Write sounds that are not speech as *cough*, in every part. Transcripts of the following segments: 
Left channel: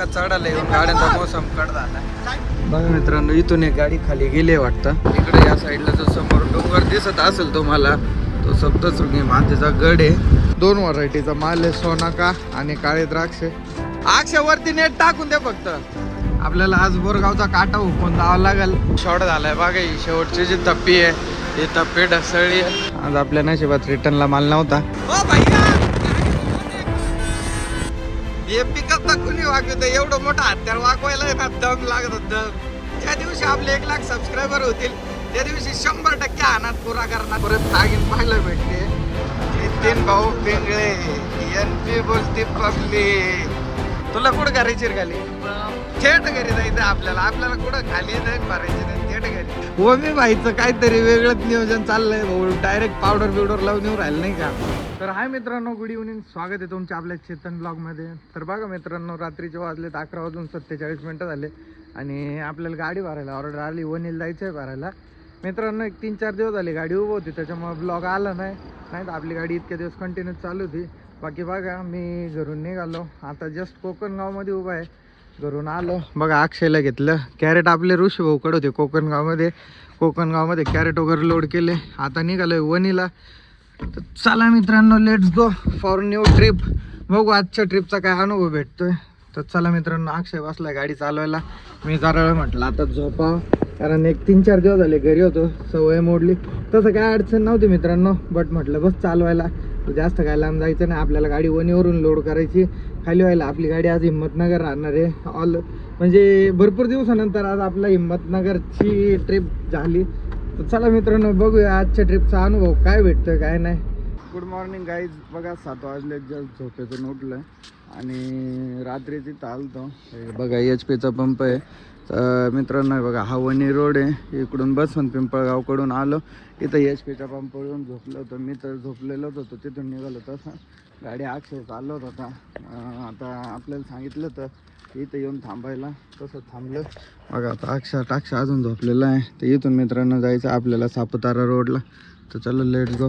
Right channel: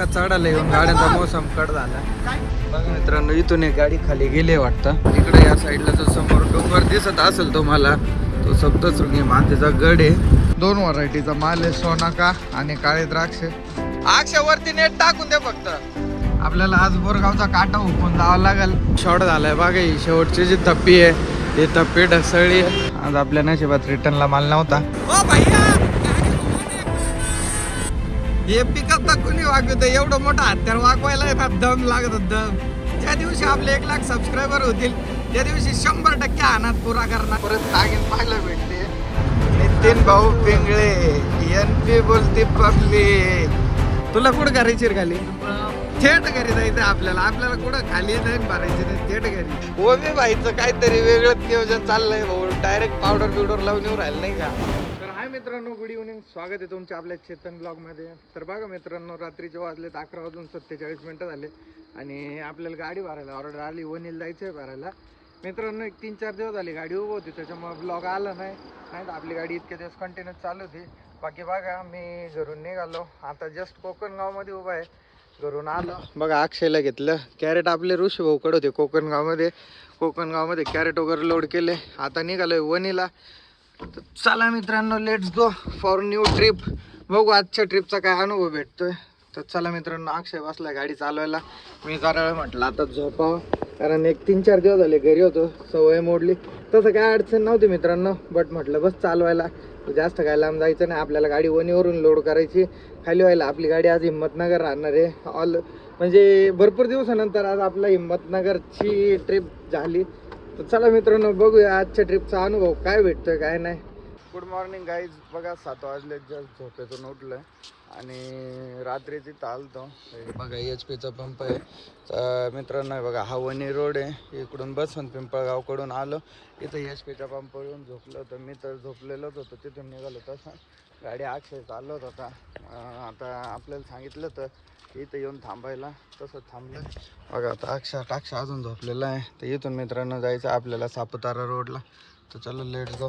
बघा चढायला येऊन गाड्यांचा मोसम कड झाला. बघा मित्रांनो इथून एक गाडी खाली गेली वाटतं. इकडे या साईडला जो समोर डोंगर दिसत असेल तुम्हाला तो सप्तशृंगी मातेचा गड आहे. दोन व्हरायटीचा माल आहे सोनाका आणि काळे द्राक्ष. आक्षावरती नेट टाकून दे फक्त. आपल्याला आज बोरगावचा काटा उकून जावं लागेल. शॉर्ट झालाय बघा ही शेवटची जी तप्पी आहे ती तप्पी ढसळी आहे. आज आपल्या नशिबात रिटर्नला माल नव्हता. हे पिकत तर कुणी वागवत एवढं मोठं हत्यार वागवायला येतात दम लागत दम. ज्या दिवशी आपले एक लाख सबस्क्रायबर होतील. त्या दिवशी शंभर टक्के अनाथ पुरा करणार. परत नागिन पाहायला भेटते. नितीन भाऊ पिंगळे एन पी बोलते पब्लिक तुला कुठं करायची खाली? थेट घरी जायचं आपल्याला. आपल्याला कुठं खाली जाईन भरायची नाही थेट घरी. हो मी भाईचं काहीतरी वेगळंच नियोजन चाललंय भाऊ. डायरेक्ट पावडर बिवडर लावून येऊ राहिलं नाही का? तर हाय मित्रांनो गुड इव्हनिंग स्वागत आहे तुमच्या आपल्या चेतन ब्लॉगमध्ये तर बघा मित्रांनो रात्रीचे वाजलेत अकरा वाजून सत्तेचाळीस मिनिटं झाले. आणि आपल्याला गाडी भरायला ऑर्डर आली वनील जायचं आहे भरायला. मित्रांनो एक तीन चार दिवस झाले गाडी उभं होती त्याच्यामुळे ब्लॉग आला नाही. नाही तर आपली गाडी इतके दिवस कंटिन्यू चालू होती. बाकी बघा मी घरून निघालो. आता जस्ट कोकणगावमध्ये उभा आहे. घरून आलो. बघा अक्षयला घेतलं. कॅरेट आपले ऋषी भाऊकडे होते. कोकणगावमध्ये कोकणगावमध्ये कॅरेट वगैरे लोड केले. आता निघालोय वनीला तर चला मित्रांनो let's go for new trip बघू आजच्या ट्रिपचा काय अनुभव भेटतोय. तर चला मित्रांनो अक्षय बसला गाडी चालवायला. मी जरा म्हटलं आता झोपावं. कारण एक तीन चार दिवस झाले घरी होतो. सवय मोडली. तसं काय अडचण नव्हती मित्रांनो बट म्हटलं बस चालवायला. जास्त काय लांब जायचं नाही. आपल्याला गाडी वणीवरून लोड करायची. खाली व्हायला आपली गाडी आज हिंमतनगर राहणार आहे. ऑल म्हणजे भरपूर दिवसानंतर आज आपला हिंमतनगरची ट्रिप झाली. तर चला मित्रांनो बघूया आजच्या ट्रिपचा अनुभव काय भेटतोय काय नाही. गुड मॉर्निंग गाईज बघा सात वाजले जस्ट झोपेतून उठलं आणि रात्रीची चालतो बघा एच पीचा पंप आहे. तर मित्रांनो बघा हा वणी रोड आहे. इकडून बसवंत पिंपळगावकडून आलो. इथं एच पीच्या पंपावरून झोपलो होतो. मी तर झोपलेलोच होतो. तिथून निघालो तसं. गाडी अक्षय चालवत होता. आता आपल्याला सांगितलं तर इथं येऊन थांबायला. तसं थांबलं. बघा आता अक्षा टाक्षा अजून झोपलेला आहे. तर इथून मित्रांनो जायचं आपल्याला सापुतारा रोडला. तर चलो लेट गो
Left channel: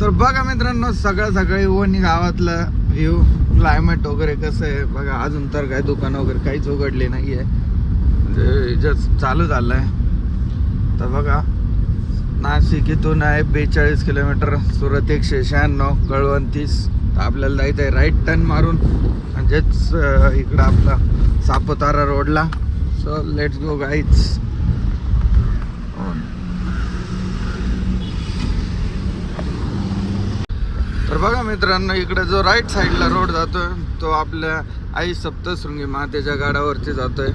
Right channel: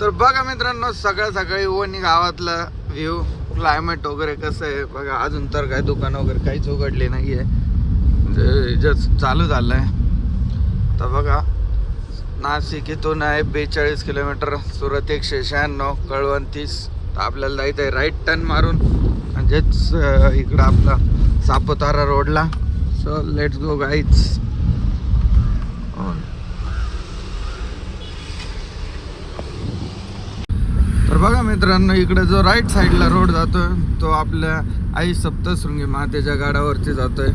तर बघा मित्रांनो सगळं सकाळी वणी गावातलं व्ह्यू क्लायमेट वगैरे कसं आहे? बघा अजून तर काय दुकान वगैरे काहीच उघडले नाही आहे म्हणजे जस्ट चालू झालं आहे तर बघा नाशिक इथून आहे बेचाळीस किलोमीटर सुरत एकशे शहाण्णव कळवण तीस. तर आपल्याला जायचं आहे राईट टर्न मारून. म्हणजेच इकडं आपला सापुतारा रोडला सो लेट्स गो गाईच तर बघा मित्रांनो इकडे जो राईट साईडला रोड जातोय तो आपल्या आई सप्तशृंगी मातेच्या गाडावरती जातोय.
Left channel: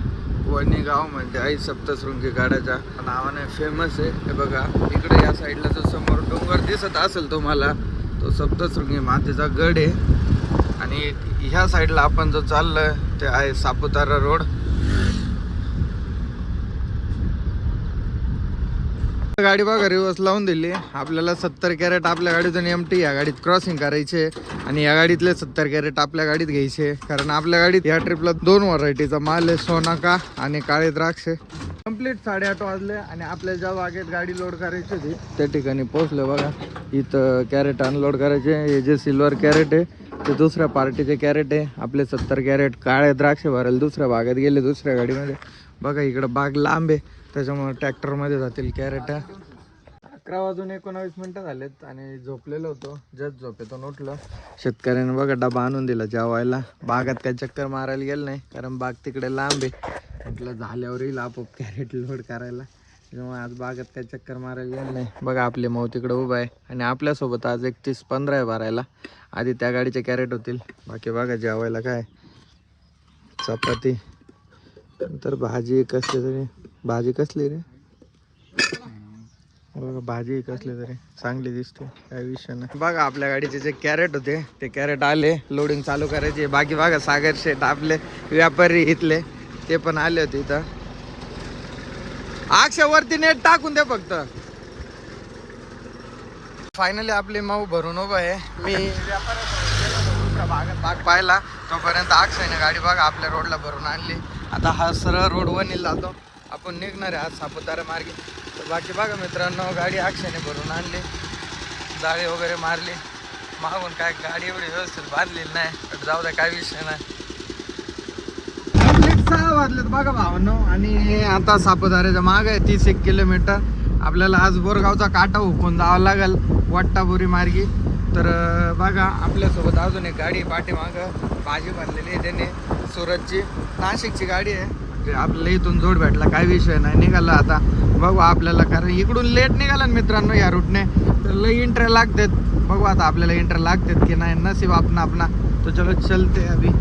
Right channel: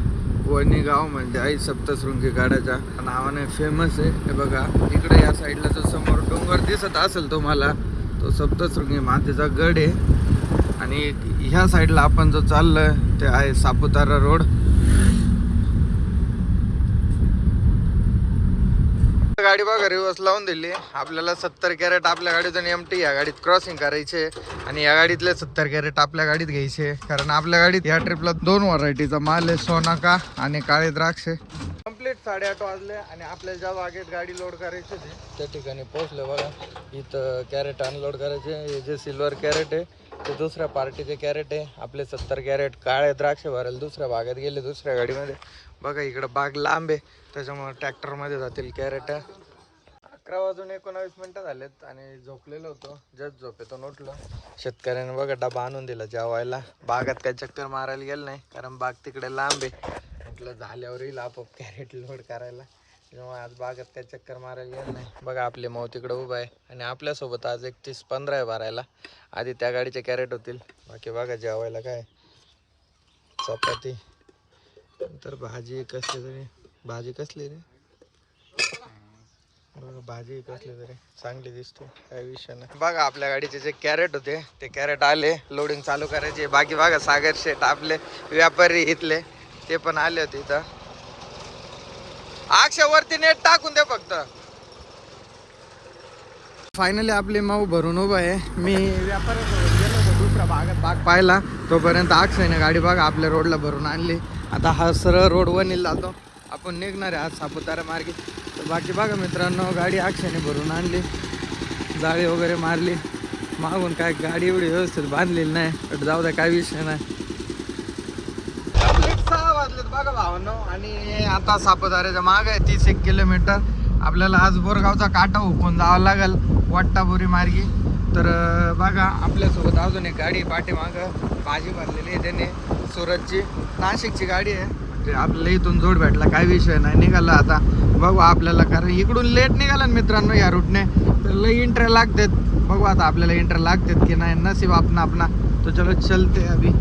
वणी गाव म्हणजे आई सप्तशृंगी गाड्याच्या. नावाने फेमस आहे. हे बघा इकडे या साईडला जो समोर डोंगर दिसत असेल तुम्हाला तो सप्तशृंगी मातेचा गड आहे. आणि ह्या साईडला आपण जो चाललं ते आहे सापुतारा रोड गाडी बघा रिवर्स लावून दिली. आपल्याला सत्तर कॅरेट आपल्या गाडीतून एम टी या गाडीत क्रॉसिंग करायचे आणि या गाडीतले सत्तर कॅरेट आपल्या गाडीत घ्यायचे. कारण आपल्या गाडीत या ट्रिपला दोन व्हरायटीचा माल आहे सोनाका आणि काळे द्राक्ष कंप्लीट साडेआठ वाजले आणि आपल्या ज्या बागेत गाडी लोड करायची होती त्या ठिकाणी पोहोचले बघा. इथं कॅरेट अनलोड करायचे हे जे सिल्वर कॅरेट आहे ते दुसऱ्या पार्टीचे कॅरेट आहे. आपले सत्तर कॅरेट काळे द्राक्ष भरायला दुसऱ्या भागात गेले दुसऱ्या गाडीमध्ये. बघा इकडं बाग लांब आहे. त्याच्यामुळे ट्रॅक्टरमध्ये जातील कॅरेट. अकरा वाजून एकोणावीस मिनटं झालेत आणि झोपलेलो होतो. जस्ट झोपेतून उठलो. शेतकऱ्याने बघा डबा आणून दिला जेवायला. बागात काही चक्कर मारायला गेलं नाही कारण बाग तिकडे लांब आहे. म्हटलं झाल्यावर येईल आपोआप कॅरेट लोड करायला. त्यामुळे आज बागात काही चक्कर मारायला गेलं नाही. बघा आपले मऊ तिकडे उभा आहे आणि आपल्यासोबत आज एकतीस पंधरा आहे भरायला. आधी त्या गाडीचे कॅरेट होतील. बाकी बघा जेवायला काय. चपाती. नंतर भाजी कसली तरी. भाजी कसली रे? बघा भाजी कसली तरी. चांगली दिसते काय विषय नाही. बघा आपल्या गाडीचे जे कॅरेट होते ते कॅरेट आले. लोडिंग चालू करायचे. बाकी बघा सागर शेठ आपले व्यापारी इथले. ते पण आले होते इथं. आक्षावरती नेट टाकून दे फक्त. फायनली आपले माऊ भरून उभं आहे. मी व्यापाऱ्यासोबत गेलो दुसरा भागात भाग पाहिला. तोपर्यंत आक्षाने गाडी बघा आपल्या रोडला भरून आणली. आता हा सरळ रोड वनील जातो. आपण निघणार आहे आज सापुतारा मार्गे. तर बाकी बघा मित्रांनो गाडी अक्षाने भरून आणली. जाळी वगैरे मारली. मागून काय गाडी एवढी व्यवस्थित बांधलेली नाही. पण जाऊ द्या काय विषय नाही. सहा वाजलेत बघा भावांनो. आणि आता सापुताऱ्याच्या माग आहे तीस एक किलोमीटर. आपल्याला आज बोरगावचा काटा हुकून जावं लागेल वाट्टाबोरी मार्गी. तर बघा आपल्यासोबत अजून एक गाडी पाठीमाग. भाजी भरलेली आहे त्याने सुरतची. नाशिकची गाडी आहे. आपल्याला इथून जोड भेटला काय विषय नाही निघाला आता. बघू आपल्याला कारण इकडून लेट निघाला ना मित्रांनो या रूटने तर लई इंटर लागतात. बघू आता आपल्याला इंटर लागतात की नाही. नसीब आपण आपणा. तो चलो चलते अभि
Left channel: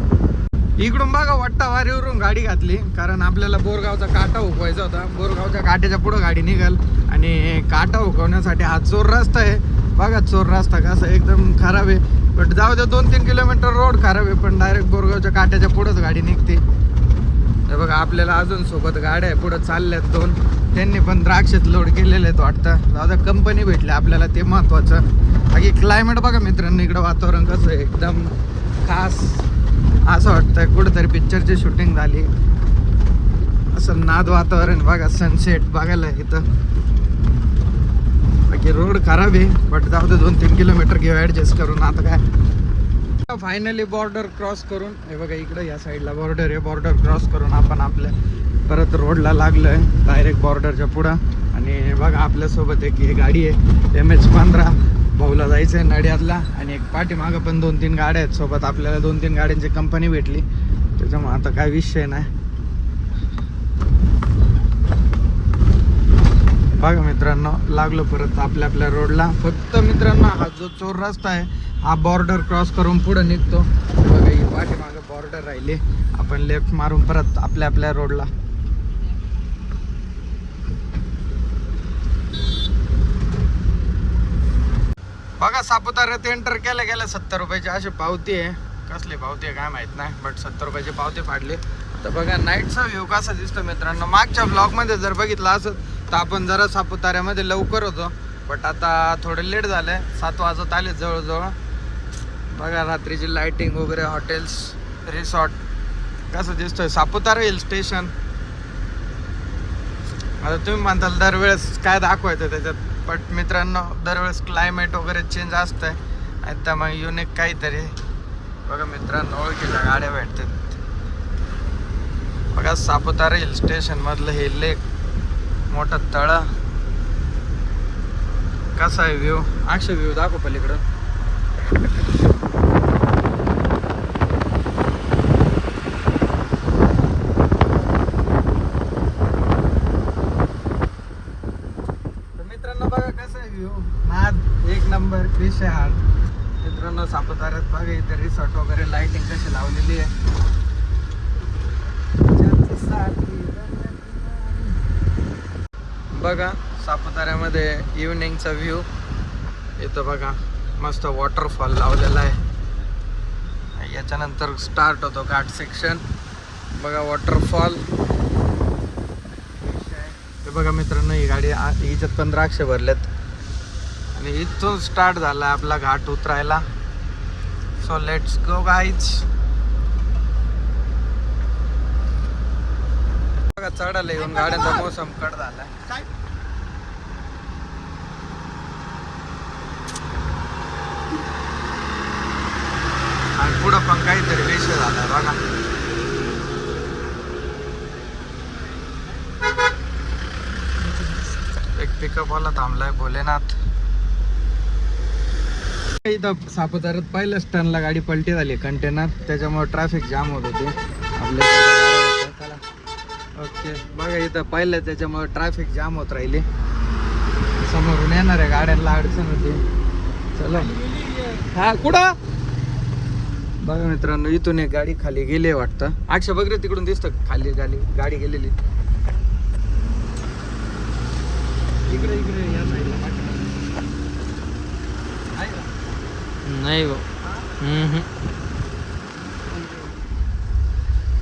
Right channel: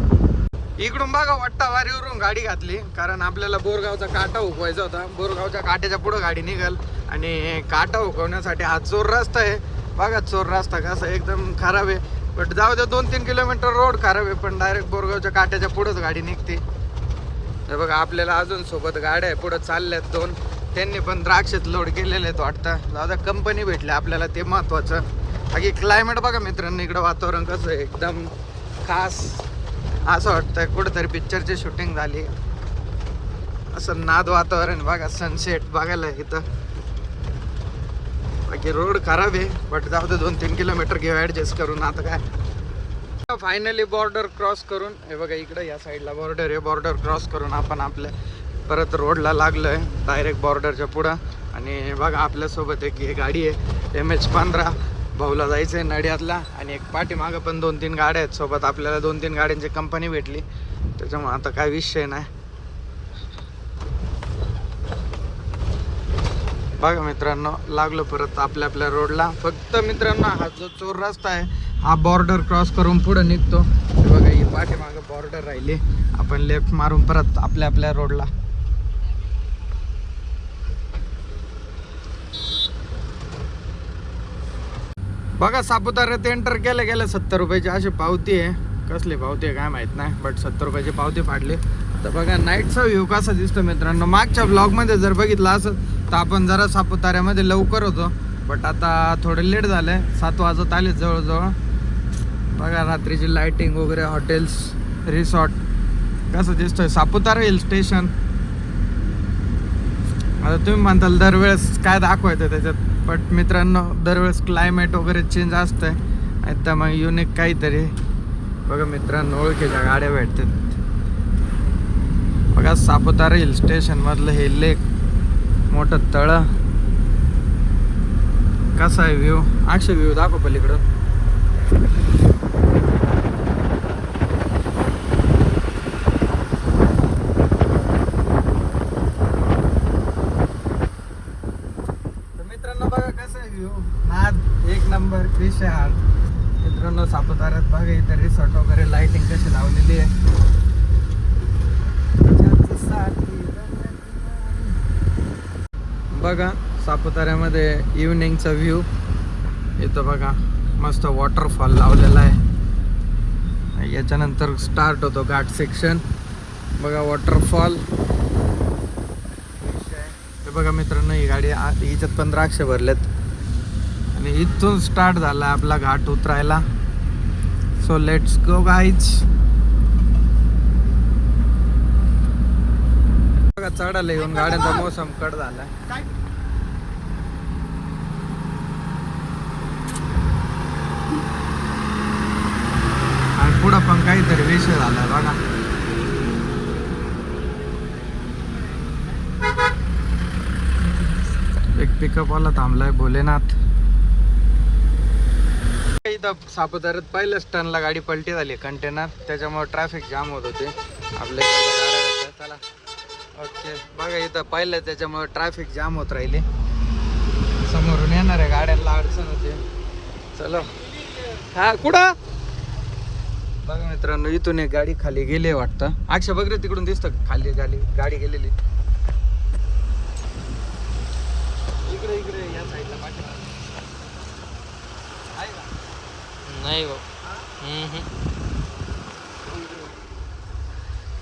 इकडून बघा वट्टा वारीवरून गाडी घातली. कारण आपल्याला बोरगावचा काटा हुकवायचा होता. बोरगावच्या काट्याच्या पुढं गाडी निघाल. आणि काटा हुकवण्यासाठी हा चोर रस्ता आहे. बघा चोर रस्ता कसा एकदम खराब आहे. बट जाऊ दे दोन तीन किलोमीटर रोड खराब आहे. पण डायरेक्ट बोरगावच्या काट्याच्या पुढंच गाडी निघते. तर बघा आपल्याला अजून सोबत गाड्या आहे. पुढं चालल्यात दोन. त्यांनी पण द्राक्षेत लोड केलेले आहेत वाटतं. जाऊ कंपनी भेटली आपल्याला ते महत्वाचं. बाकी क्लायमेट बघा मित्रांनो इकडं वातावरण कसं आहे? एकदम खास. असं वाटतंय कुठंतरी पिक्चरची शूटिंग झाली. असं नाद वातावरण बघा सनसेट बघायला इथं. बाकी रोड खराब आहे बट जाऊ दे दोन तीन किलोमीटर घेऊ ॲडजस्ट करून. आता काय? फायनली बॉर्डर क्रॉस करून हे बघा इकडं या साईडला बॉर्डर आहे. बॉर्डर क्रॉस करून आपण आपल्या परत रोडला लागलोय डायरेक्ट बॉर्डरच्या पुढं. आणि बघा आपल्यासोबत एक ही गाडी आहे एम एच पंधरा भाऊला जायचं आहे नड्यातला आणि एक पाठीमागं पण दोन तीन गाड्या आहेत. सोबत आपल्याला दोन तीन गाड्यांची कंपनी भेटली. त्याच्यामुळे आता काय विषय नाही. बघा मित्रांनो लागलो परत आपल्या आपल्या रोडला. फक्त मित्रांनो हा जो चोर रस्ता आहे हा बॉर्डर क्रॉस करून पुढे निघतो. बघा ही पाठीमागे बॉर्डर राहिली. आपण लेफ्ट मारून परत आपल्या आपल्या रोडला. बघा सापुताऱ्यात एंटर केलं गेलं सत्तर रुपयाची. अशी पावती आहे. कसली पावती आहे काय माहीत नाही बट सत्तर रुपयाची पावती फाडली. तर बघा नाईटचा व्ह्यू कसा दिसतो मित्रांनो? मागच्या ब्लॉगमध्ये जर बघितलं असं तर आपण जरा सापुताऱ्यामध्ये लवकर होतो बट आता थोडं लेट झालंय. सात वाजत आले जवळजवळ. बघा रात्रीची लाईटिंग वगैरे हॉटेल्स रिसॉर्ट कसं दिसतोय? सापुतारा हिल स्टेशन आता तुम्ही म्हणताल दरवेळेस काय दाखवायचं त्याच्यात? बट मित्रांनो दरवेळेस क्लायमेट वगैरे चेंज असतंय. आणि मग युनिक काहीतरी. बघा मित्रांनो ओळखीच्या गाड्या भेटतात. बघा सापुतारा हिल स्टेशन मधलं हे लेक मोठं तळ. कसा आहे व्ह्यू अक्षा व्ह्यू दाखव पलीकडं. तर मित्रांनो बघा कसा आहे व्ह्यू नाद एक नंबर विशाल. मित्रांनो सापुताऱ्यात बघा इथे रिसॉर्ट वगैरे लाइटिंग कशी लावलेली आहे बघा सापुताऱ्यामध्ये इव्हनिंगचा व्ह्यू येतो बघा मस्त वॉटरफॉल लावलेला आहे. याच्यानंतर स्टार्ट होतो घाट सेक्शन बघा वॉटरफॉल हे बघा मित्रांनो ही गाडी आ- हिच्यात पण द्राक्ष भरलेत. आणि इथून स्टार्ट झाला आपला घाट उतरायला. सो लेट्स गो गाईज बघा चढायला येऊन गाड्याचा मोसम कट झाला आणि पुढं पण काहीतरी विषय झालाय बघा एक पिकअप वाला थांबलाय भोलेनाथ. इथं सापुताऱ्यात पहिल्याच टनला गाडी पलटी झाली कंटेनर त्याच्यामुळे ट्रॅफिक जाम होत होते. आपल्या गाड्या चला. ओके बघा इथं पहिलं त्याच्यामुळे ट्रॅफिक जाम होत राहिली. समोरून आहे गाड्यांना अडचण होते. चलो. हा कुठं? बघा मित्रांनो इथून एक गाडी खाली गेली वाटतं. अक्षय बघ रे तिकडून दिसतं खाली गाडी गाडी गेलेली. इकडे इकडे या साईडला पाठीमागे. नाही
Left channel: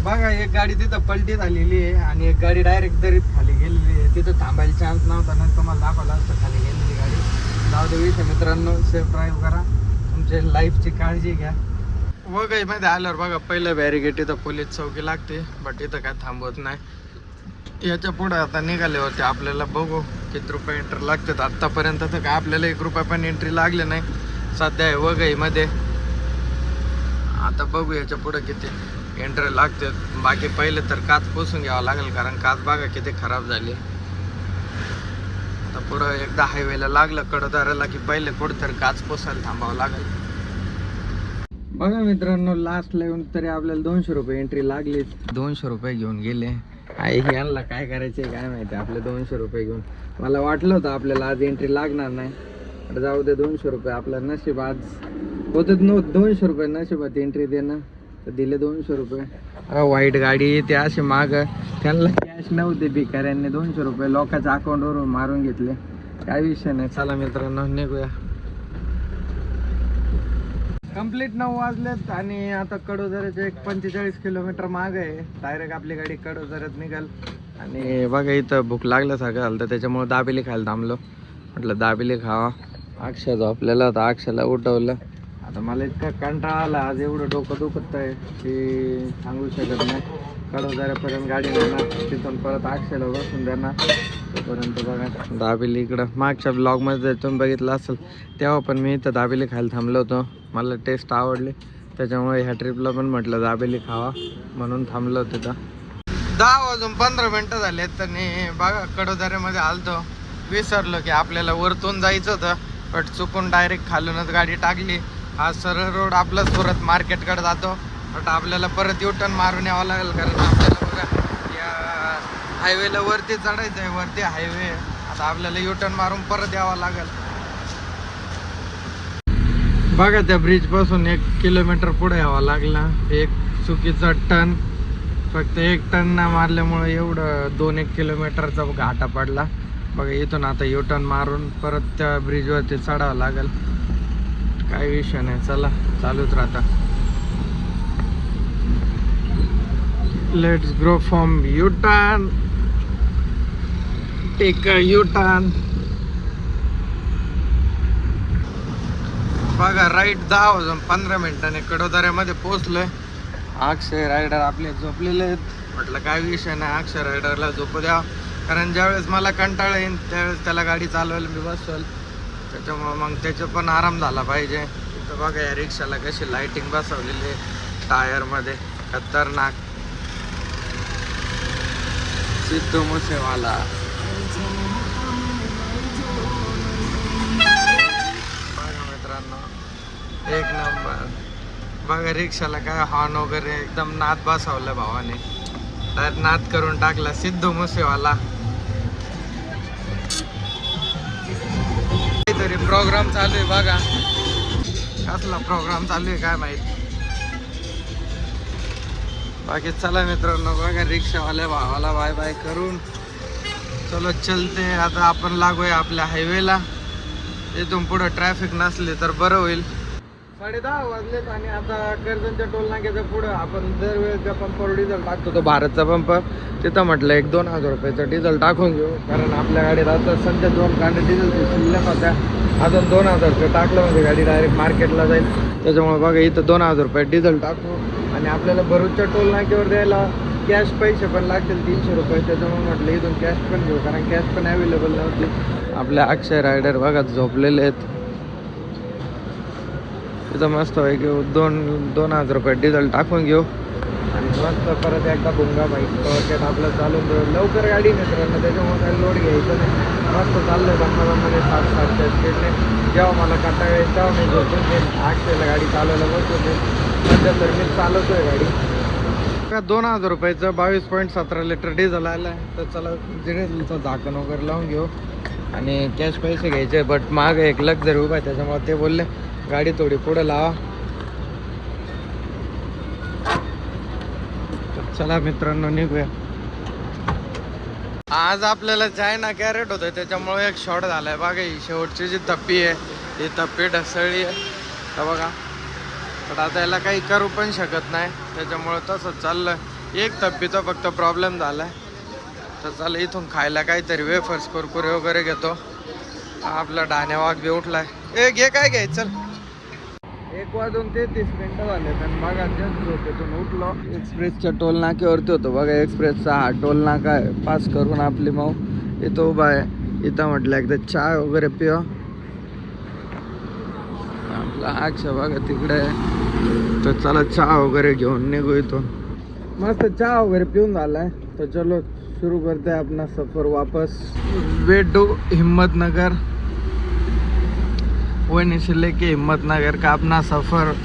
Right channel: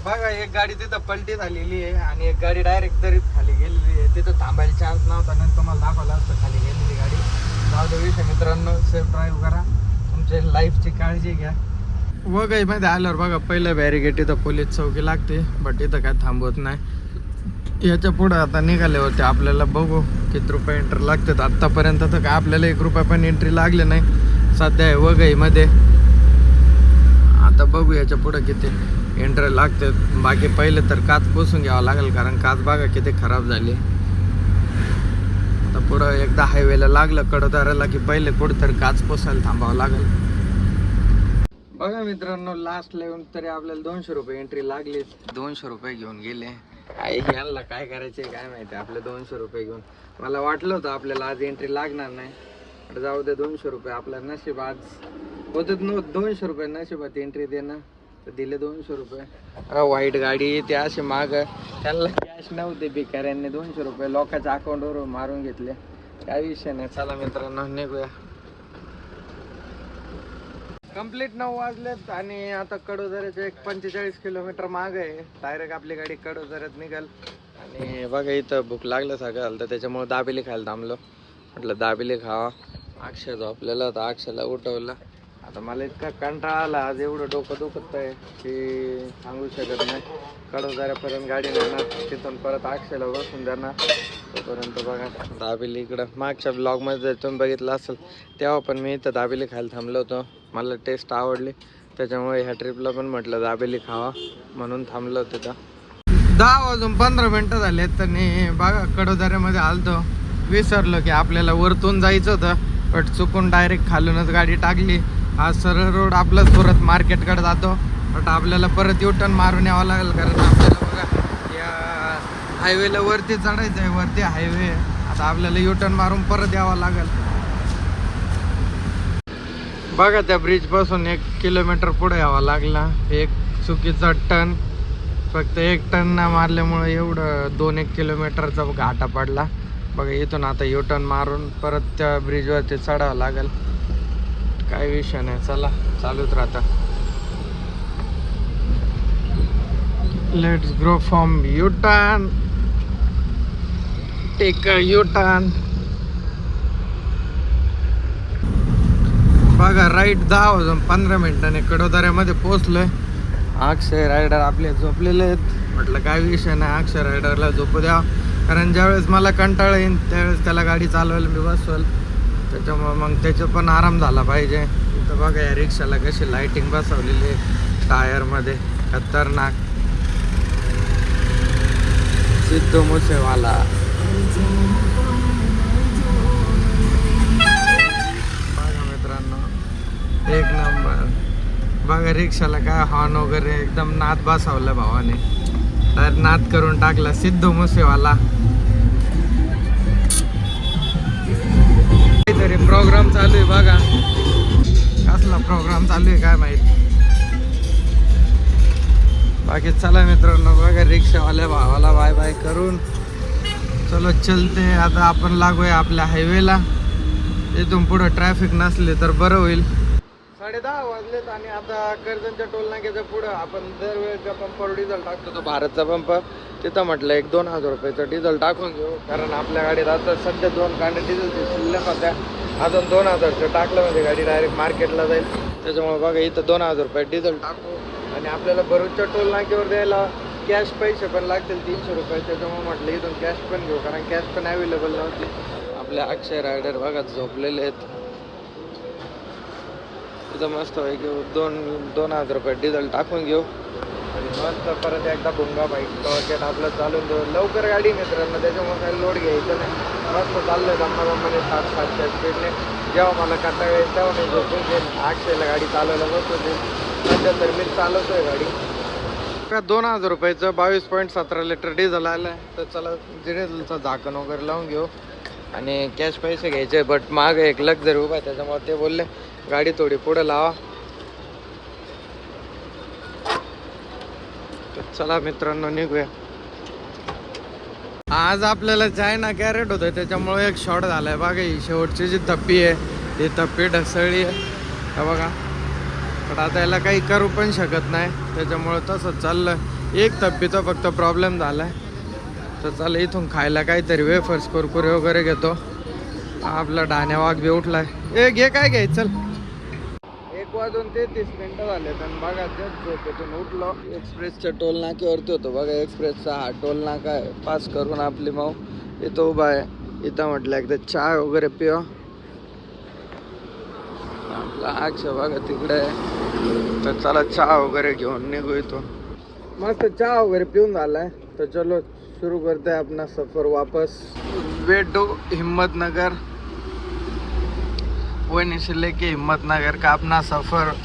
बघा. एक गाडी तिथं पलटी झालेली आहे आणि एक गाडी डायरेक्ट दरीत खाली गेलेली आहे. तिथं थांबायला चान्स नाही पण तुम्हाला दाखवलं असतं खाली गेलेली गाडी. जाऊ दे विषय मित्रांनो सेफ ड्राईव्ह करा. तुमच्या लाईफची काळजी घ्या. वगै मध्ये आल्यावर बघा पहिलं बॅरिगेट इथं पोलीस चौकी लागते बट इथं काय थांबवत नाही. याच्यापुढे आता निघाले होते आपल्याला बघू किती रुपये एंट्री लागतात. आत्तापर्यंत तर काय आपल्याला एक रुपया पण एंट्री लागले नाही. सध्या आहे वघईमध्ये आता बघू याच्यापुढे किती एंट्री लागते बाकी पहिले तर काच पोसून घ्यावं लागेल कारण काच बघा किती खराब झाली. आता पुढं एकदा हायवेला लागलं कडोदाराला की पहिले कुठं काच पोसायला थांबावं लागेल. बघा मित्रांनो लास्ट येऊन तरी आपल्याला दोनशे रुपये एंट्री लागली. दोनशे रुपये घेऊन गेले. आई यांना काय करायचे काय माहिती? आपले दोनशे रुपये घेऊन. मला वाटलं होतं आपल्याला आज एंट्री लागणार नाही. तर जाऊ दे दोनशे रुपये आपलं नशीब आज होतं नो दोनशे रुपये नशिबात एंट्री देणं. तर दिले दोनशे रुपये. अरे वाईट गाडी ते असे माग. त्यांना कॅश नव्हते भिकाऱ्यांनी. दोनशे रुपये लोकांच्या अकाउंटवरून मारून घेतले. काय विषय नाही. चला मित्रांनो निघूया. कंप्लीट नऊ वाजलेत आणि आता कडोदऱ्याचे एक पंचेचाळीस किलोमीटर माग आहे. डायरेक्ट आपली गाडी कडोदऱ्यात निघाल. आणि बघा इथं भूक लागलं झालं तर त्याच्यामुळे दाबेली खायला थांबलो. म्हटलं दाबेली खावा. अक्षय जो आपल्याला आता अक्षयला उठवलं. आता मला इतका कंटाळा आला आज एवढं डोकं दुखत आहे की सांगू शकत नाही. कडोदऱ्यापर्यंत गाडी नेणार तिथून परत अक्षयला बसून देणार. तोपर्यंत बघा. दाबेली इकडं. मागच्या ब्लॉगमध्ये तुम्ही बघितलं असेल तेव्हा पण मी इथं दाबेली खायला थांबलो होतो. मला टेस्ट आवडली. त्याच्यामुळे ह्या ट्रिपला पण म्हटलं दाबेली खावा म्हणून थांबलो तिथं दहा वाजून पंधरा मिनटं झालेत आणि बघा कडोदऱ्यामध्ये आलतो. विसरलो की आपल्याला वरतून जायचं होतं बट चुकून डायरेक्ट खालूनच गाडी टाकली. हा सरळ रोड आपलाच परत मार्केटकडे जातो. बट आपल्याला परत युटर्न मारून यावं लागेल कारण आपल्याला बघा या हायवेला वरती चढायचं आहे वरती हायवे आता आपल्याला युटर्न मारून परत यावं लागेल. बघा त्या ब्रिजपासून एक किलोमीटर पुढे यावं लागला एक चुकीचा टन फक्त एक टन ना मारल्यामुळे एवढं दोन एक किलोमीटरचा घाटा पडला. बघा इथून आता युटर्न मारून परत त्या ब्रिजवरती चढावं लागेल. काय विषय नाही चला चालूच राहता. Let's grow from U turn take a U turn बघा राईट दहा वाजून पंधरा मिनिटाने कडोदऱ्यामध्ये पोचलोय अक्षय रायडर आपले झोपलेले आहेत. म्हटलं काय विषय नाही अक्षय रायडरला झोपू द्या. कारण ज्यावेळेस मला कंटाळा येईल त्यावेळेस त्याला गाडी चालवायला मी बसवाल. त्याच्यामुळं मग त्याचं पण आराम झाला पाहिजे. तिथं बघा या रिक्षाला कशी लाइटिंग बसवलेली टायरमध्ये. खतरनाक. सिद्धू मुसेवाला. बघा मित्रांनो एक नंबर. बघा रिक्षाला काय हॉर्न वगैरे एकदम नाद बसवलं भावाने. तर नाद करून टाकला सिद्धू मुसेवाला. काहीतरी प्रोग्राम चालू आहे बघा. कसला प्रोग्राम चालू आहे काय माहीत. बाकी चला मित्रांनो बघा रिक्षावाल्या भावाला बाय बाय करून. चलो चलते. आता आपण लागूया आपल्या हायवेला इथून पुढं ट्रॅफिक नसले तर बरं होईल. साडे दहा वाजलेत आणि आता कर्जनच्या टोल नाक्याच्या पुढं आपण दरवेळेच्या पंपावर डिझेल टाकतो. तो भारतचा पंप. तिथं म्हटलं एक दोन हजार रुपयाचं डिझेल टाकून घेऊ कारण आपल्या गाडीत आता सध्या दोन कांडे डिझेलचे शिल्लक होत्या. अजून दोन हजारचं टाकलं म्हणजे गाडी डायरेक्ट मार्केटला जाईल. त्याच्यामुळे बघा इथं दोन हजार रुपये डिझेल टाकू. आणि आपल्याला भरूचच्या टोल नाक्यावर द्यायला कॅश पैसे पण लागतील तीनशे रुपये. त्याच्यामुळे म्हटलं इथून कॅश पण घेऊ. कारण कॅश पण अवेलेबल नव्हती. आपल्या अक्षय रायडर बघा झोपलेले आहेत. तिथं मस्त आहे घेऊ दोन दोन हजार रुपये डिझेल टाकून घेऊ. आणि मस्त परत एकदा भुंगा बाईक टॉर्चेट आपलं चालून देऊ लवकर गाडी मित्रांनो त्याच्यामुळे काही लोड घ्यायचं नाही. मस्त चाललं दम्मा दम्माने सात सातच्या स्पीडने जेव्हा मला कंटाळा येईल तेव्हा मी झोपून घेईन. अक्षयला गाडी चालवायला बसतो देईन सध्या तर मी आहे गाडी. दोन हजार रुपयाचं बावीस पॉईंट सतरा लिटर डिझेल आलं आहे तर चला डिझेलचं झाकण वगैरे लावून घेऊ. आणि कॅश पैसे घ्यायचे बट माग एक लक्झरी उभा आहे त्याच्यामुळे ते बोलले. गाडी थोडी पुढे लावा. तर चला मित्रांनो निघूया. आज आपल्याला चायना कॅरेट होतं त्याच्यामुळे एक शॉर्ट झालाय. बघा ही शेवटची जी तप्पी आहे ही तप्पी ढसळली आहे. बघा पण आता याला काही करू पण शकत नाही. त्याच्यामुळं तसंच चाललं एक तप्पीचा फक्त प्रॉब्लेम झालाय. तर चला इथून खायला काहीतरी वेफर्स कुरकुरे वगैरे घेतो. आपला डाण्या वाघ बी उठलाय. ए घे काय घ्याय चल. एक वाजून तेहतीस मिनिटं झाले तर बघा जस्ट झोपेतून उठलो. एक्सप्रेसच्या टोल नाक्यावरती होतो बघा एक्सप्रेसचा हा टोल नाका आहे. पास करून आपली माऊ इथं उभा आहे. इथं म्हटलं एकदा चहा वगैरे पिवा. आपला अक्षा बघा तिकडे आहे. तर चला चहा वगैरे घेऊन निघू इथून. मस्त चहा वगैरे पिऊन झालाय. तर चलो सुरू करते आपला सफर वापस. वे हिंमतनगर हिम्मतनगर से लेके हिम्मतनगर का अपना सफर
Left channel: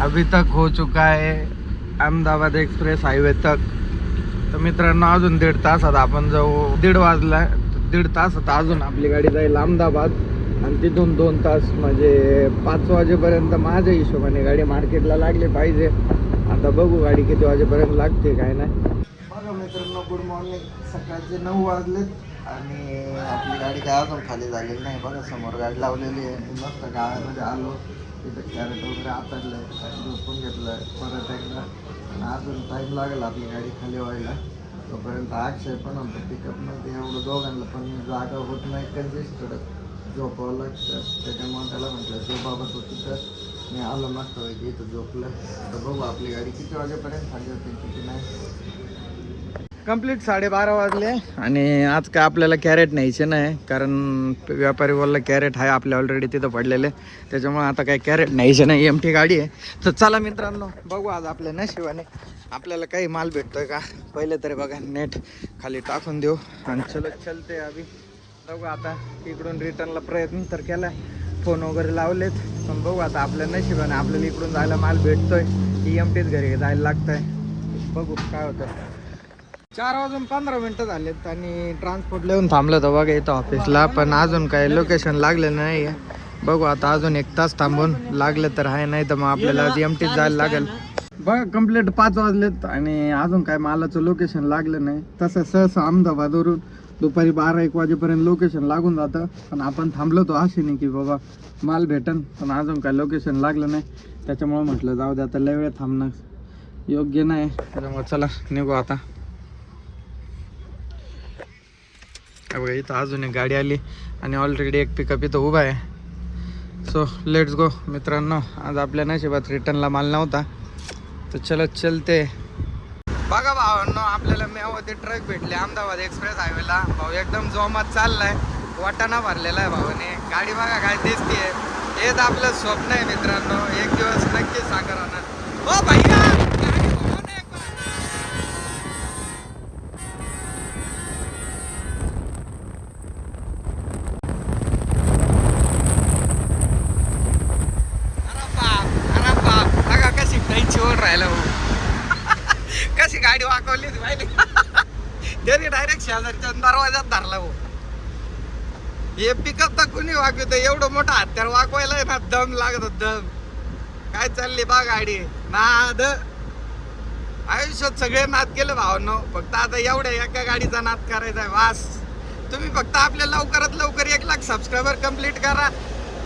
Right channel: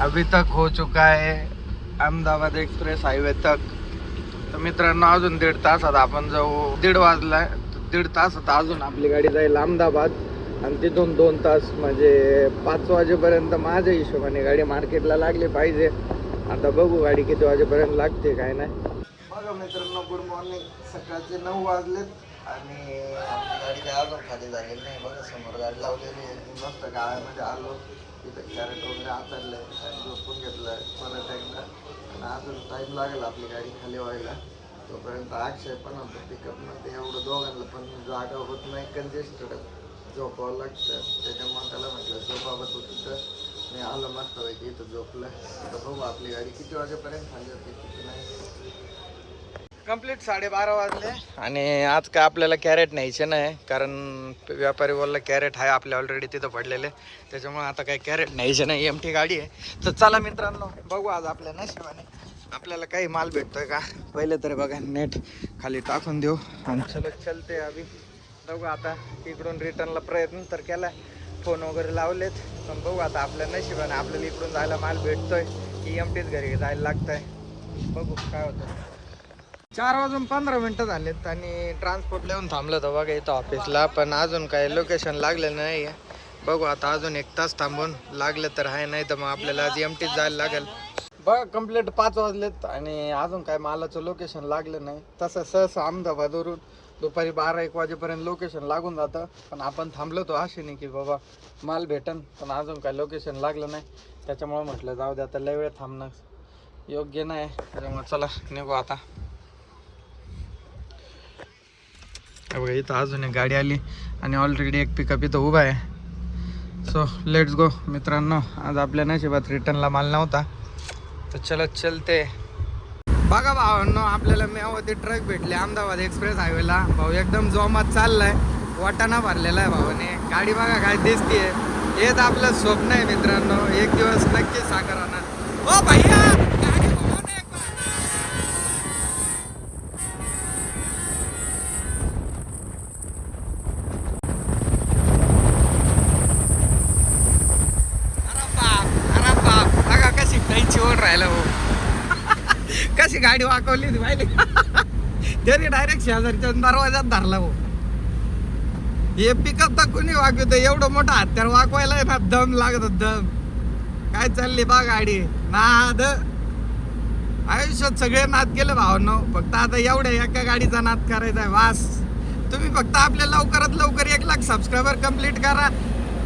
अभी तक हो चुका है अहमदाबाद एक्सप्रेस हायवे तक। तर मित्रांनो अजून दीड तासात आपण जाऊ. दीड वाजला आहे दीड तासात अजून आपली गाडी जाईल अहमदाबाद. आणि तिथून दोन तास म्हणजे पाच वाजेपर्यंत माझ्या हिशोबाने गाडी मार्केटला लागली पाहिजे. आता बघू गाडी किती वाजेपर्यंत लागते काय नाही. बघा मित्रांनो गुड मॉर्निंग सकाळचे नऊ वाजलेत. आणि आपली गाडी काय अजून खाली झालेली नाही बघा समोर गाडी लावलेली आहे. मस्त गाळ्यामध्ये आलो. तिथं कॅरेट वगैरे आतरलंय झोपून घेतलंय. परत एकदा आणि अजून टाईम लागेल आपली गाडी खाली व्हायला. तोपर्यंत अक्षय पण होतं पिकअपमध्ये एवढं दोघांना पण जागा होत नाही कंजेस्टेड झोपावं लागतं. त्याच्यामुळे त्याला म्हटलं झोपाबत होती तर मी आलं मस्त पाहिजे इथं झोपलं. तर बघू आपली गाडी किती वाजेपर्यंत खाली होते किती नाही. कंप्लीट साडेबारा वाजले आणि आज काय आपल्याला कॅरेट न्यायचे नाही कारण व्यापारी बोलला कॅरेट आहे आपल्या ऑलरेडी तिथं पडलेले. त्याच्यामुळे आता काय कॅरेट न्यायचे नाही एम टी गाडी आहे. तर चला मित्रांनो बघू आज आपल्या नशिबाने आपल्याला काही माल भेटतोय का? पहिले तरी बघा नेट खाली टाकून देऊ. आणि चलो चलते अभि बघू आता इकडून रिटर्नला प्रयत्न तर केला फोन वगैरे लावलेत. पण बघू आता आपल्या नशिबाने आपल्याला इकडून जायला माल भेटतोय. की एम टीच घरी जायला लागतंय. बघू काय होतं. चार वाजून पंधरा मिनिटं झालेत आणि ट्रान्सपोर्ट येऊन थांबलं तर बघा इथं ऑफिसला पण अजून काही लोकेशन लागलं नाही आहे बघू आता अजून एक तास थांबून लागलं तर आहे नाही तर मग आपल्याला एम टीच जायला लागेल. बघा कंप्लीट पाच वाजलेत आणि अजून काय मालाचं लोकेशन लागलं नाही. तसं सहसा अहमदाबादवरून दुपारी बारा एक वाजेपर्यंत लोकेशन लागून जातं. पण आपण थांबलो तो आशेने की बाबा माल भेटन पण अजून काय लोकेशन लागलं नाही. त्याच्यामुळे म्हटलं जाऊ दे आता लय वेळ थांबणं योग्य नाही. त्याच्यामुळे चला निघू आता हे बघा इथं अजून एक गाडी आली आणि ऑलरेडी एक पिकअप इथं उभा आहे. सो लेट्स गो मित्रांनो. आज आपल्या नशिबात रिटर्नला माल नव्हता. तर चलत चलते. बघा भावांनो आपल्याला मेवाती ट्रक भेटले अहमदाबाद एक्सप्रेस हायवेला भाऊ एकदम जोमात चाललाय. वाटाणा भरलेला आहे भावाने. गाडी बघा काय दिसतीये. हेच आपलं स्वप्न आहे मित्रांनो. एक दिवस नक्की साखर आणा ओ भैया गाडी बघा ना एक बार. अरे बाप, अरे बाप. बघा कशी कैची ओढ राहिला भाऊ कशी गाडी वाकवली ती *laughs* त्याने डायरेक्ट शेजारच्या दरवाजात धरला भाऊ. हे पिकअप तर कोणी वाकवत? एवढं मोठं हत्यार वाकवायला ना दम लागत दम. काय चालली बा गाडी? नाद. आयुष्यात सगळे नाद गेले भावनो. फक्त आता एवढ्या एका गाडीचा नाद करायचा आहे वास. तुम्ही फक्त आपल्या लवकरात लवकर एक लाख सबस्क्रायबर कंप्लीट करा.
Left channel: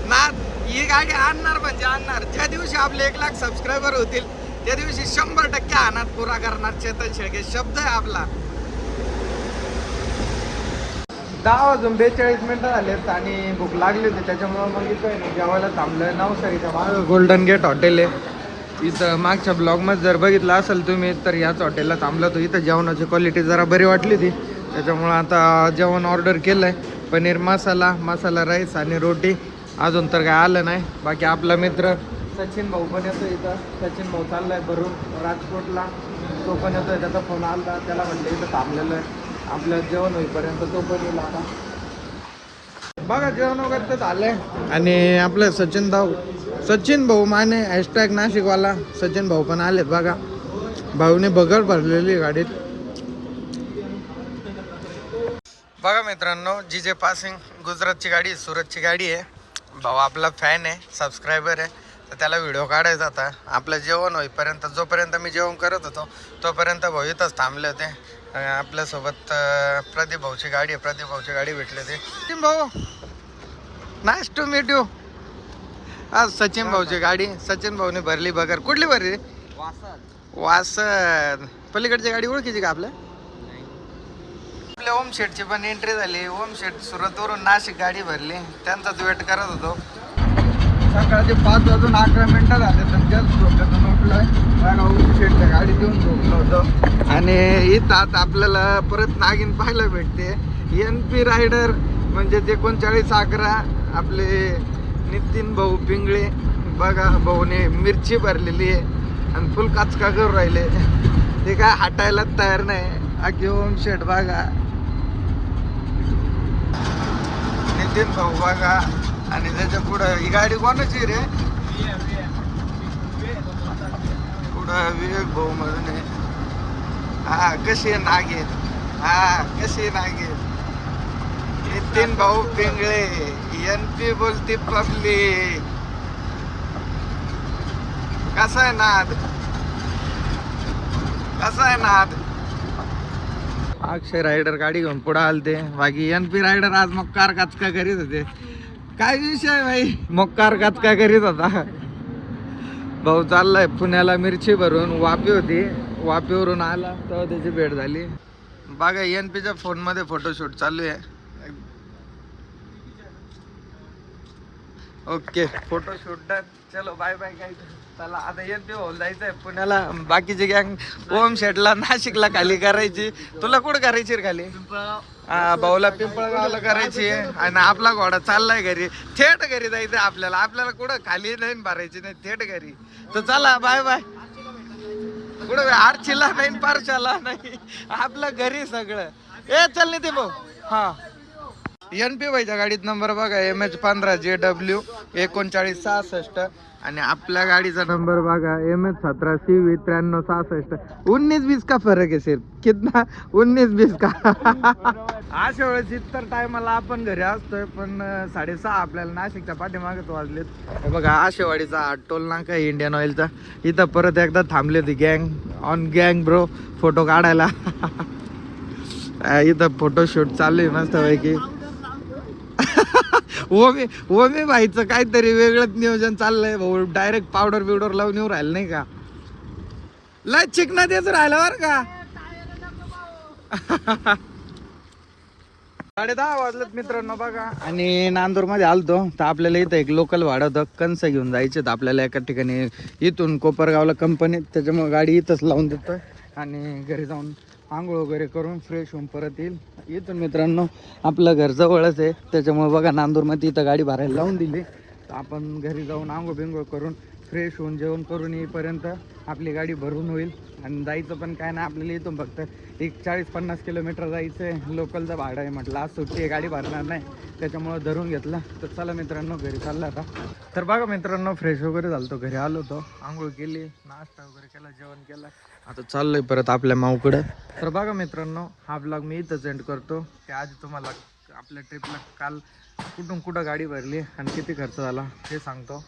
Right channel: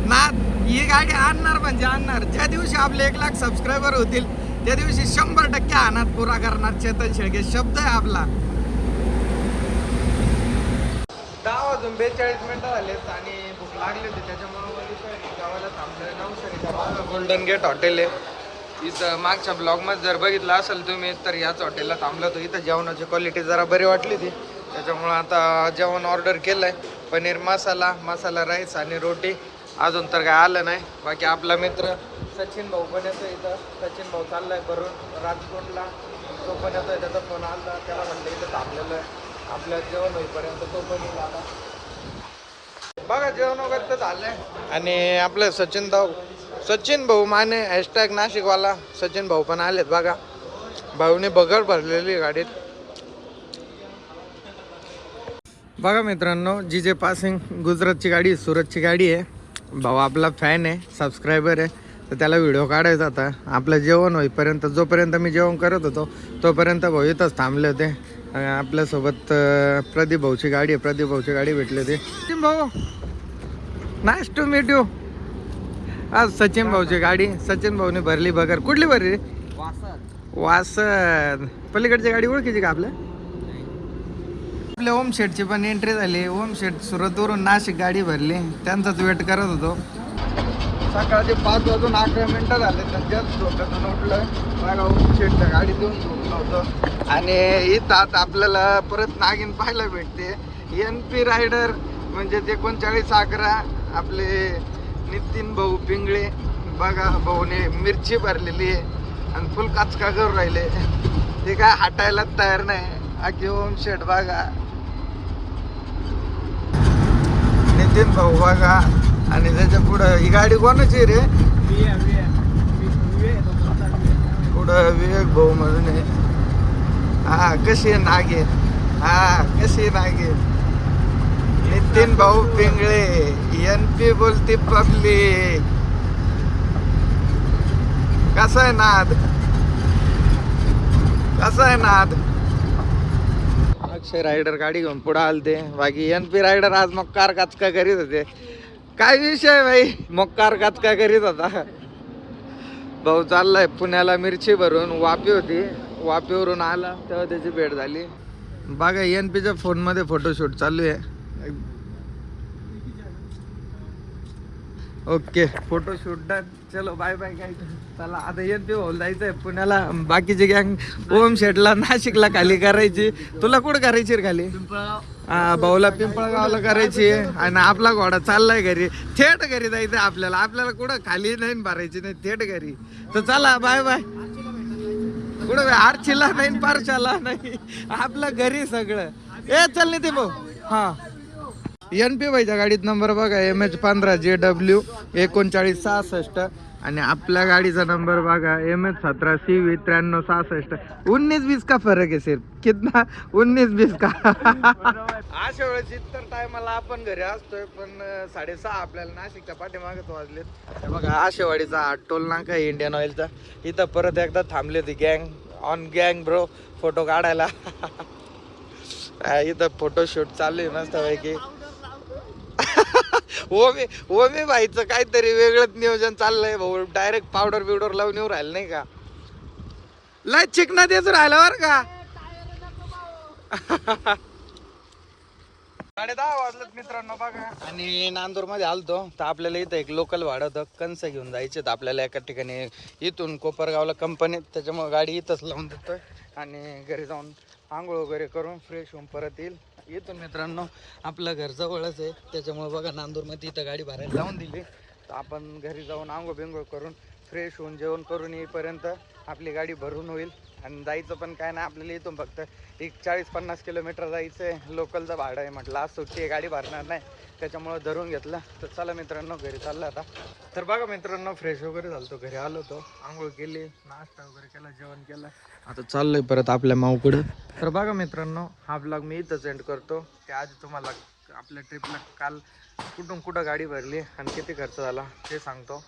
नाद ही गाडी आणणार म्हणजे आणणार. ज्या दिवशी आपले एक लाख सबस्क्रायबर होतील त्या दिवशी शंभर टक्के अनाथ पुरा करणार चेतन शेळके. शब्द आहे आपला. दहा वाजून बेचाळीस मिनिटं झालेत आणि भूक लागली होती त्याच्यामुळे मग इथं जेवायला थांबलं नवसारीच्या मागं गोल्डन गेट हॉटेल आहे. इथं मागच्या ब्लॉगमध्ये जर बघितलं असेल तुम्ही तर याच हॉटेलला थांबलो होतो. इथं जेवणाची क्वालिटी जरा बरी वाटली होती. त्याच्यामुळं आता जेवण ऑर्डर केलं आहे पनीर मसाला मसाला राईस आणि रोटी. अजून तर काय आलं नाही. बाकी आपला मित्र सचिन भाऊ पण येतो इथं. सचिन भाऊ चाललाय भरून राजकोटला. तो पण येतोय त्याचा फोन आला त्याला म्हटलं इथं थांबलेलं आहे. आपलं जेवण होईपर्यंत तो पण येईल आता. बघा जेवण वगैरे तर झालंय. आणि आपलं सचिन भाऊ सचिन भाऊ माने हॅशटॅग नाशिकवाला सचिन भाऊ पण आलेत बघा. भाऊने बगर भरलेली आहे गाडीत. बघा मित्रांनो जी जे पासिंग गुजरातची गाडी सुरतची गाडी आहे. भाऊ आपला फॅन आहे सबस्क्रायबर आहे. तर त्याला व्हिडिओ काढायचा आता. आपलं जेवण होईपर्यंत जोपर्यंत मी जेवण करत होतो तोपर्यंत भाऊ इथंच थांबले होते. आपल्यासोबत प्रदीप भाऊची गाडी आहे. प्रदीप भाऊची गाडी भेटली होती. सचिन भाऊ नाईस टू मीट यू आज सचिन भाऊची गाडी सचिन भाऊने भरली बगर कुठली भरली? वासद. पलीकडची गाडी ओळखीची का आपल्या? आपल्या ओम शेटची पण एंट्री झाली. ओम शेट सुरतवरून नाशिक गाडी भरली. त्यांचाच वेट करत होतो. सकाळचे पाच वाजून अकरा मिनटं झाले तर जस्ट झोपेतून उठलोय ओम गाडी देऊन झोपलो होतं. आणि इथं आता आपल्याला परत नागिन पाहायला भेटते. एन पी रायडर म्हणजे एकोणचाळीस अकरा आपले नितीन भाऊ पिंगळे. बघा भाऊने मिरची भरलेली आहे आणि फुल काचका करून राहिले. ते काय हटायला तयार नाही. अगदी ओम शेट बघा. नितीन भाऊ बघा. आणि त्याच्या पुढं ही गाडी कोणाची रे? पुढं विवेक भाऊ म्हणून आहे. हा कशी आहे नागेन? हा कशी आहे नागेन? नितीन भाऊ पिंगळे एन पी बोलती पब्लिक. कसा आहे नाद? कसा आहे नाद? अक्षय रायडर गाडी घेऊन पुढे आलते. बाकी एन पी रायडर आज मग कार काचका करीत होते. काय विषय भाई? मग कार काय करीत होता? भाऊ चाललाय पुण्याला मिरची भरून वापी होती. वापीवरून आला तेव्हा त्याची भेट झाली. बघा एन पीच्या फोनमध्ये फोटोशूट चालू आहे. ओके फोटोशूट डन चलो बाय बाय काय चला आता भाऊ जायचंय. पुण्याला बाकीची गँग ओम शेटला नाशिकला खाली करायची. तुला कुठं करायची रे खाली? हा भाऊला पिंपळगावला करायची आणि आपला घोडा चाललाय घरी. थेट घरी जायचं आपल्याला. आपल्याला कुठं खाली नाही भरायची नाही थेट घरी. तर चला बाय बाय कुठं आरचीला नाही पारशाला नाही. आपलं घरी सगळं. ए चल नाही ते भाऊ. हा. एन पी वायच्या गाडीत नंबर बघा एम एच पंधरा जे डब्ल्यू एकोणचाळीस सहासष्ट. आणि आपल्या गाडीचा नंबर बघा एम एच सतरा सी व्ही त्र्याण्णव सहासष्ट. उन्नीस बीस का फरक आहे सर कितना? उन्नीस बीस का? अशा वेळेस इतर टायमाला आपण घरी असतोय पण साडेसहा आपल्याला नाशिकच्या पाठीमागत वाजलेत. हे बघा आशेवाडीचा हा टोल नाका आहे इंडियन ऑइलचा इथं परत एकदा थांबली होती गँग ऑन गँग ब्रो फोटो काढायला. *laughs* इथं फोटोशूट चालू आहे मस्तपैकी. ओमे ओमे भाईचं काहीतरी वेगळंच नियोजन चाललंय भाऊ. डायरेक्ट पावडर बिवडर लावून येऊ राहिलं नाही का? लय चिकना देत राहिलं बर का? *laughs* साडे दहा वाजलेत मित्रांनो बघा. आणि नांदूरमध्ये आलतो तर आपल्याला इथं एक लोकल भाडं होतं. कंस घेऊन जायचे तर आपल्याला एका ठिकाणी. इथून कोपरगावला कंपनीत त्याच्यामुळे गाडी इथंच लावून देतोय. आणि घरी जाऊन आंघोळ वगैरे करून फ्रेश होऊन परत येईल. इथून मित्रांनो आपलं घर जवळच आहे. त्याच्यामुळे बघा नांदूरमध्ये इथं गाडी भरायला लावून दिली. तर आपण घरी जाऊन आंघोळ बिंघोळ करून फ्रेश होऊन जेवण करून येईपर्यंत आपली गाडी भरून होईल. आणि जायचं पण काय नाही आपल्याला इथून फक्त एक चाळीस पन्नास किलोमीटर जायचं आहे. लोकलचं भाडं आहे म्हटलं. आज सुट्टी आहे गाडी भरणार नाही. त्याच्यामुळं धरून घेतलं. तर चला मित्रांनो घरी चाललं आता. तर बघा मित्रांनो फ्रेश वगैरे झालं घरी आलो होतो. आंघोळ केली नाश्ता वगैरे केला जेवण केलं. आता चाललोय परत आपल्या माऊकडं. तर बघा मित्रांनो हा ब्लॉग मी इथंच एंड करतो. की आज तुम्हाला आपल्या ट्रिपला काल कुठून कुठं गाडी भरली आणि किती खर्च झाला ते सांगतो.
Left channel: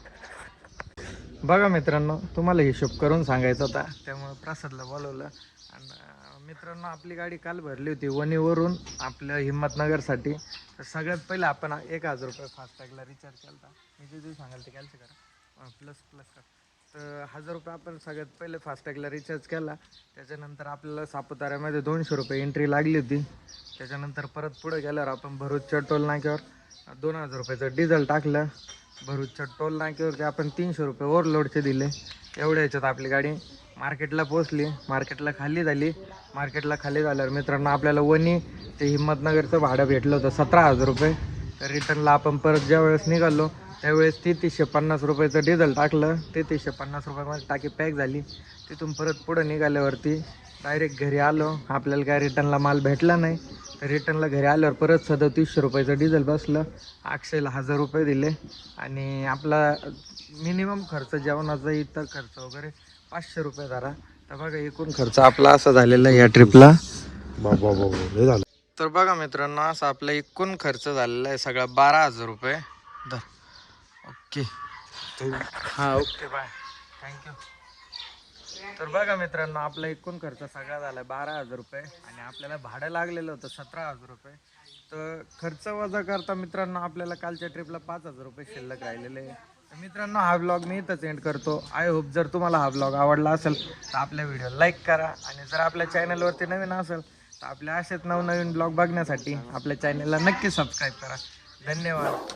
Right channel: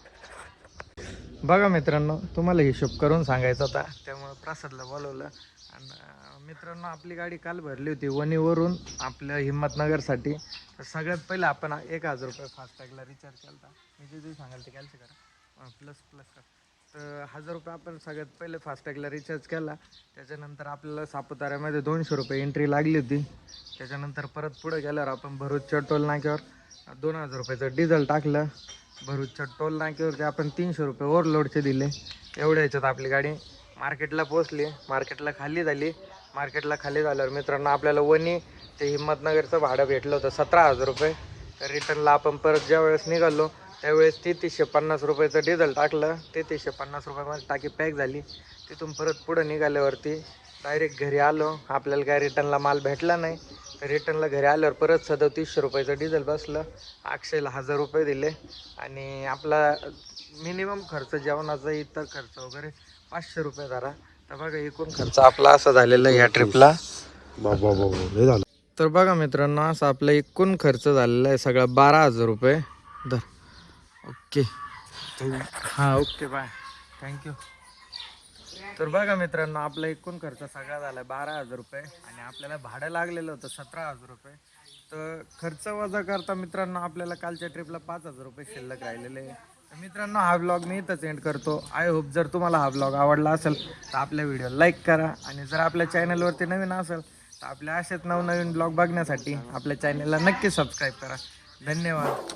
बघा मित्रांनो तुम्हाला हिशोब करून सांगायचा होता. त्यामुळे प्रसादला बोलवलं. आणि मित्रांनो आपली गाडी काल भरली होती वणीवरून आपल्या हिंमतनगरसाठी तर सगळ्यात पहिलं आपण एक हजार रुपये फास्टॅगला रिचार्ज केला होता मी जे जे सांगाल ते कॅन्सल करा. प्लस प्लस करा. तर हजार रुपये आपण सगळ्यात पहिले फास्टॅगला रिचार्ज केला. त्याच्यानंतर आपल्याला सापुताऱ्यामध्ये दोनशे रुपये एंट्री लागली होती. त्याच्यानंतर परत पुढे गेल्यावर आपण भरूचच्या टोल नाक्यावर दोन हजार रुपयाचं डिझेल टाकलं. भरूचच्या टोल नाक्यावरती आपण तीनशे रुपये ओव्हरलोडचे दिले. एवढ्या ह्याच्यात आपली गाडी मार्केटला पोचली मार्केटला खाली झाली. मार्केटला खाली झाल्यावर मित्रांनो आपल्याला वणी ते हिंमतनगरचं भाडं भेटलं होतं सतरा हजार रुपये. तर रिटर्नला आपण परत ज्या वेळेस निघालो त्यावेळेस तेहतीसशे पन्नास रुपयाचं डिझेल टाकलं. तेहतीसशे पन्नास रुपयामध्ये टाकी पॅक झाली. तिथून परत पुढं निघाल्यावरती डायरेक्ट घरी आलो. आपल्याला काय रिटर्नला माल भेटला नाही. तर रिटर्नला घरी आल्यावर परत सदतीसशे रुपयाचं डिझेल बसलं. अक्षयला हजार रुपये दिले. आणि आपला मिनिमम खर्च जेवणाचा इतर खर्च वगैरे पाचशे रुपये धरा तर बघा एकूण खर्च आपला असा झालेला या ट्रिपला तर बघा मित्रांनो असा आपला एकूण खर्च झालेला आहे सगळा बारा हजार रुपये. धर. ओके. हां ओके बाय. थँक्यू तर बघा मित्रांनो आपला एकूण खर्च सगळा झाला बारा हजार रुपये आणि आपल्याला भाडं लागलेलं होतं सतरा हजार रुपये. तर खर्च वजा करता मित्रांनो आपल्याला कालच्या ट्रिपला पाच हजार रुपये शिल्लक राहिलेले तर मित्रांनो हा ब्लॉग मी इथंच एंड करतो. आय होप जर तुम्हाला हा ब्लॉग आवडला असेल तर आपल्या व्हिडिओ लाईक करा. आणि जर आपल्या चॅनलवरती नवीन असेल तर आपल्या असेच नवनवीन ब्लॉग बघण्यासाठी आपल्या चॅनलला नक्की सबस्क्राईब करा. धन्यवाद.